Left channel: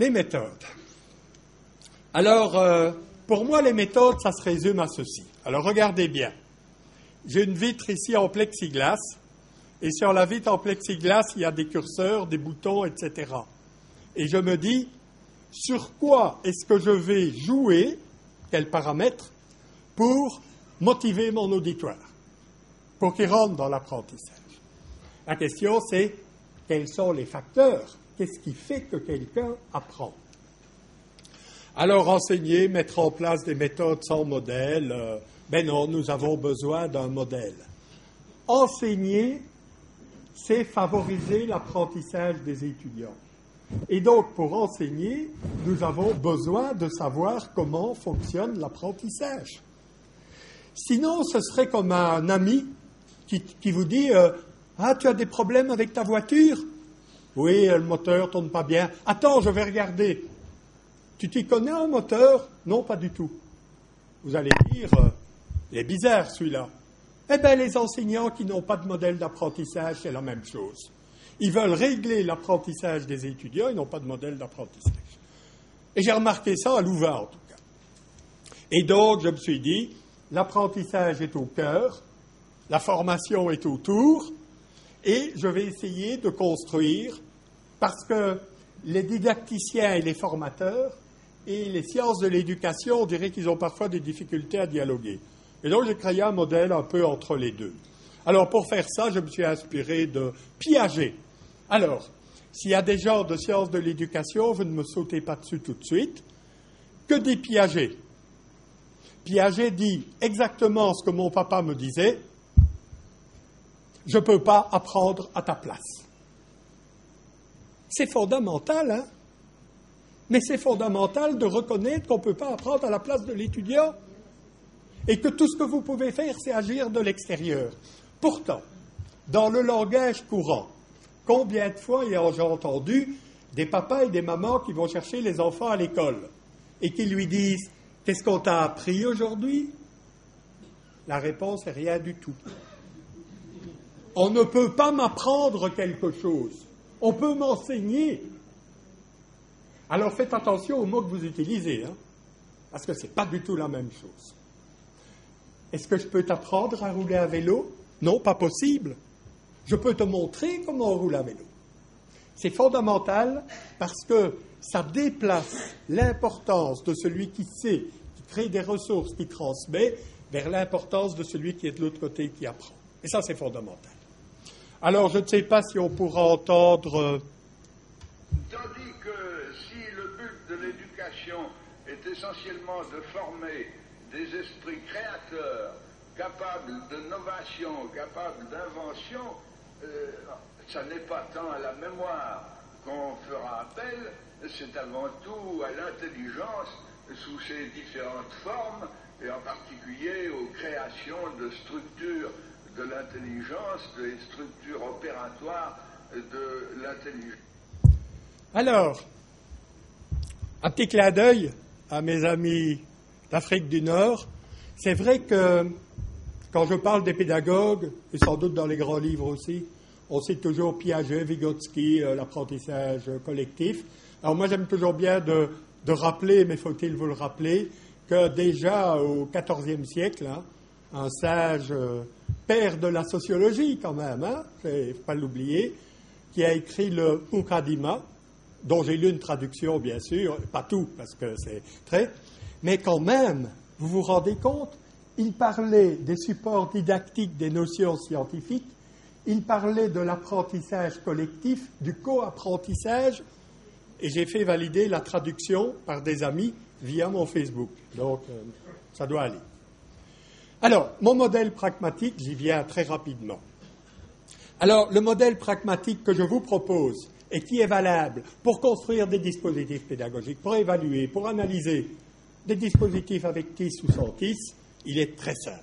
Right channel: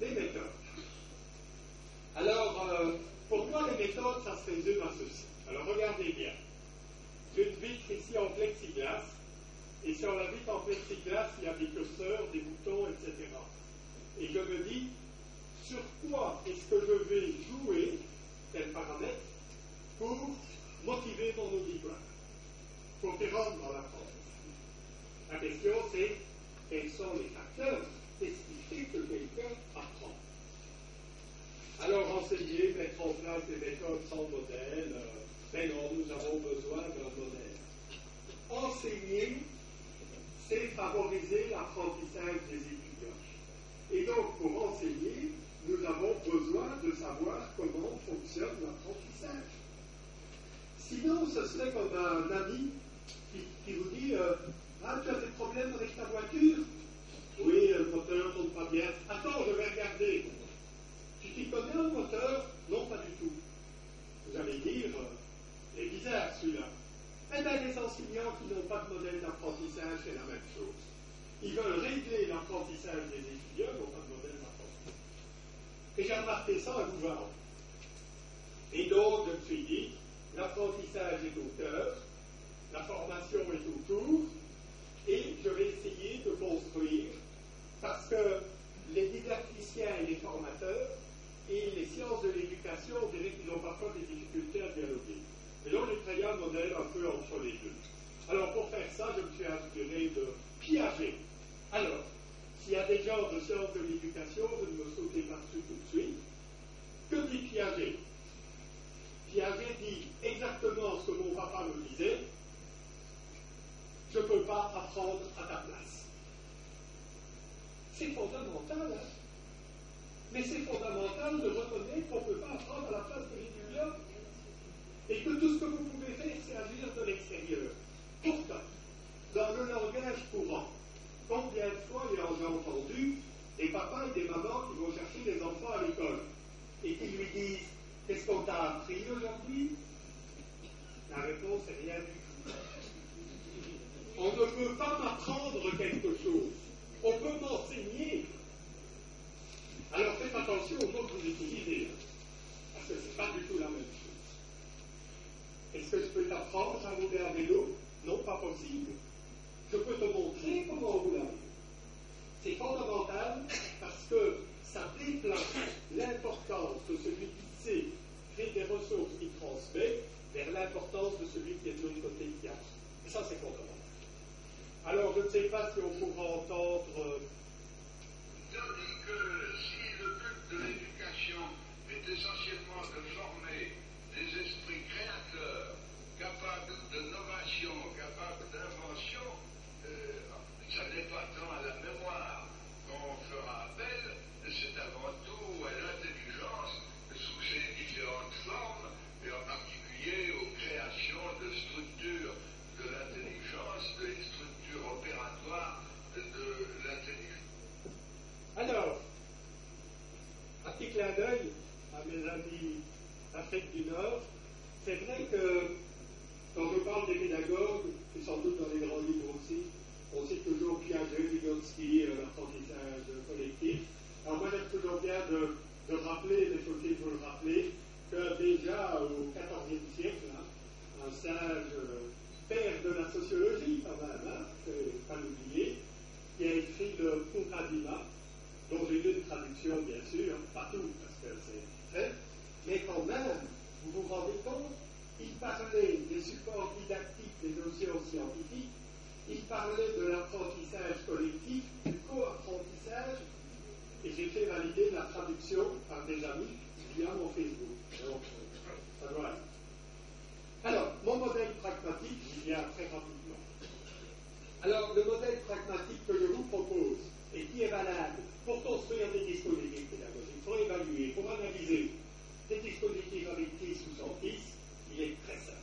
Les méthodes. Alors, pour moi, les méthodes, ça se résume à ceci. Alors, regardez bien. J'ai une vitre ici en plexiglas, et sur la vitre en plexiglas, il y a des curseurs, des boutons, etc. Et je me dis, sur quoi est-ce que je vais jouer, quels paramètres, pour motiver mon auditoire, pour qu'il rentre dans l'apprentissage. La question, c'est quels sont les facteurs? Qu'est-ce qui fait que quelqu'un apprend? Alors, enseigner, mettre en place des méthodes sans modèle, ben non, nous avons besoin d'un modèle. Enseigner, c'est favoriser l'apprentissage des étudiants. Et donc, pour enseigner, nous avons besoin de savoir comment fonctionne l'apprentissage. Sinon, ce serait comme un ami qui vous dit « Ah, tu as des problèmes avec ta voiture? Oui, le moteur ne tourne pas bien. Attends, je vais regarder. Tu t'y connais en moteur? Non, pas du tout. » Vous allez dire « Il est bizarre celui-là. » Eh bien, les enseignants qui n'ont pas de modèle d'apprentissage, c'est la même chose. Ils veulent régler l'apprentissage des étudiants, ils n'ont pas de modèle d'apprentissage. Et j'ai remarqué ça à Louvain, en tout cas. Et donc, je me suis dit, l'apprentissage est au cœur, la formation est autour, et je vais essayer de construire, parce que les didacticiens et les formateurs et les sciences de l'éducation, on dirait qu'ils ont parfois des difficultés à dialoguer. Et donc, j'ai créé un modèle un peu entre les deux. Alors, pour faire ça, je me suis inspiré de Piaget. Alors, s'il y a des gens de sciences de l'éducation, vous ne me sautez pas dessus tout de suite. Que dit Piaget? Piaget dit exactement ce que mon papa me disait. Je ne peux pas apprendre à ta place. C'est fondamental, hein? Mais c'est fondamental de reconnaître qu'on ne peut pas apprendre à la place de l'étudiant et que tout ce que vous pouvez faire, c'est agir de l'extérieur. Pourtant, dans le langage courant, combien de fois j'ai entendu des papas et des mamans qui vont chercher les enfants à l'école et qui lui disent « Qu'est-ce qu'on t'a appris aujourd'hui ?» La réponse est rien du tout. On ne peut pas m'apprendre quelque chose. On peut m'enseigner. Alors faites attention aux mots que vous utilisez, hein, parce que ce n'est pas du tout la même chose. Est-ce que je peux t'apprendre à rouler à vélo? Non, pas possible. Je peux te montrer comment on roule à vélo. C'est fondamental parce que ça déplace l'importance de celui qui sait, qui crée des ressources, qui transmet, vers l'importance de celui qui est de l'autre côté, qui apprend. Et ça, c'est fondamental. Alors, je ne sais pas si on pourra entendre... Tandis que si le but de l'éducation est essentiellement de former des esprits créateurs, capables de novation, capables d'invention, ça n'est pas tant à la mémoire qu'on fera appel, c'est avant tout à l'intelligence sous ses différentes formes, et en particulier aux créations de structures de l'intelligence, des structures opératoires de l'intelligence. Alors, un petit clin d'œil à mes amis d'Afrique du Nord. C'est vrai que quand je parle des pédagogues, et sans doute dans les grands livres aussi, on cite toujours Piaget, Vygotsky, l'apprentissage collectif. Alors moi j'aime toujours bien de rappeler, mais faut-il vous le rappeler, que déjà au XIVe siècle, hein, un sage père de la sociologie quand même, hein, il ne faut pas l'oublier, qui a écrit le Mukaddima, dont j'ai lu une traduction bien sûr, pas tout parce que c'est très, mais quand même, vous vous rendez compte, il parlait des supports didactiques des notions scientifiques, il parlait de l'apprentissage collectif, du co-apprentissage, et j'ai fait valider la traduction par des amis via mon Facebook. Donc, ça doit aller. Alors, mon modèle pragmatique, j'y viens très rapidement. Alors, le modèle pragmatique que je vous propose et qui est valable pour construire des dispositifs pédagogiques, pour évaluer, pour analyser des dispositifs avec TIS ou sans TIS, il est très simple.